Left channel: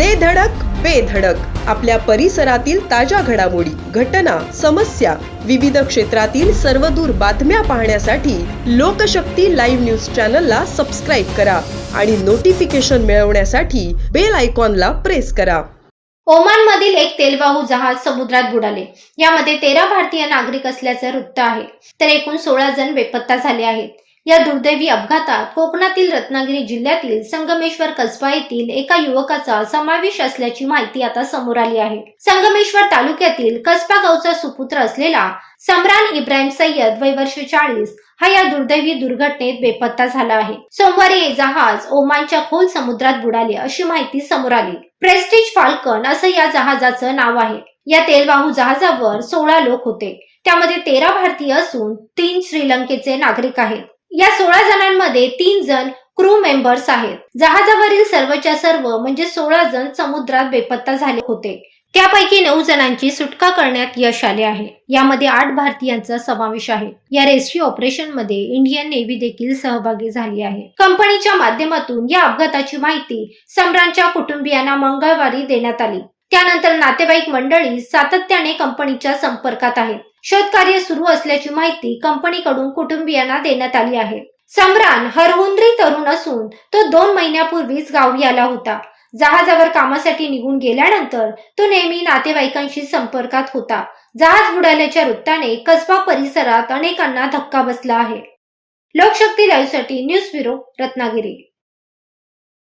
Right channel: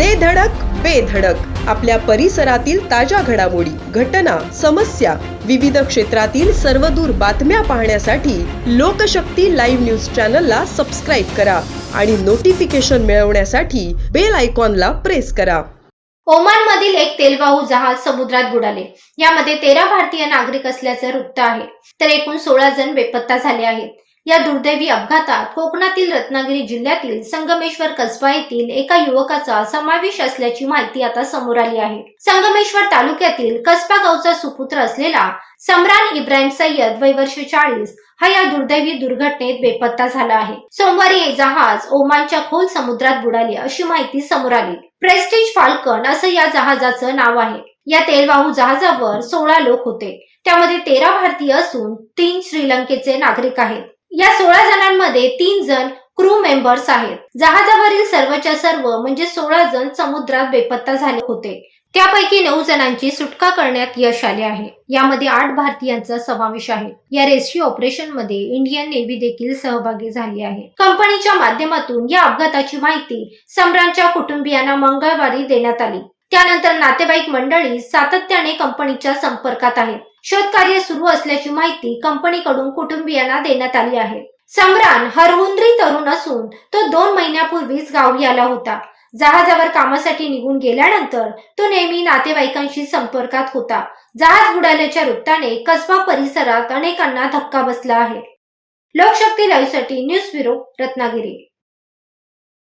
दे धडक बेधडक आपल्या परिसरातील ताज्या घडामोडी घटना समस्या विविध क्षेत्रातील सर्वदूर बातम्या पाहण्यासाठी लोकशक्ती लाईव्ह न्यूज चॅनलला सबस्क्राईब करा आणि नोटिफिकेशन मिळवण्यासाठी बेल आयकॉनला प्रेस करा. ओमान मधील एक तेलवाहू जहाज समुद्रात बुडाले. यामध्ये तेरा भारतीय नागरिक असल्याचे वृत्त आहे. तर एकूण सोळा जण बेपत्ता झाले आहेत. या दुर्दैवी अपघातात कोकणातील रत्नागिरी जिल्ह्यातील संगमेश्वर कसबा येथील एका युवकाचा समावेश असल्याची माहिती आता समोर आली आहे. संगमेश्वर तालुक्यातील कसबा गावचा सुपुत्र असलेला सम्रान इब्राहिम सय्यद वय वर्ष चाळीस हा या दुर्दैवी दुर्घटनेत बेपत्ता झाला आहे. सोमवारी हे जहाज ओमानच्या खोल समुद्रात बुडाले अशी माहिती समोर आली. प्रेस्टिज फाल्कन असं या जहाजाचं नाव आहे. या तेलवाहू जहाजावर सोळा लोक होते. त्यामध्ये तेरा भारतीय असून तीन श्रीलंकेचे नागरिक आहेत. या सोळा जणांमध्ये तीन जण क्रू मेंबर्स आहेत. जहाजावरील सर्वच्या सर्व म्हणजे सोळा जण समुद्रात बेपत्ता झाले होते. त्यापैकी नऊ जणांची सुटका करण्यात यश आले आहे. यामध्ये आठ भारतीयांचा समावेश आहे. या रेस्क्यू ऑपरेशनमध्ये इंडियन नेव्ही देखील सहभागी झाली आहे. कंपनीच्या माध्यमातून या अपघाताची माहिती सम्रानच्या कुटुंबियांना मंगळवारी देण्यात आली. त्यानंतर नातेवाईक मंडळी सातत्याने कंपनीच्या संपर्कात आहेत. शोधकार्य सुरू असल्याची माहिती कंपनीकडून कुटुंबियांना देण्यात आली आहे. सम्रान हरहुंद्री तरुण असून तो दोन महिन्यापूर्वीच गावी आला होता. जहाजावर कामासाठी निघून गेल्यानंतर तो नेहमी नातेवाईकांशी संपर्कात होता. जहाज बुडाल्याच्या वृत्ताने कसबा परिसरात अनेकांना धक्का बसला आहे. लोकशक्ती लाईव्हसाठी न्यूज ब्युरो रत्नागिरी.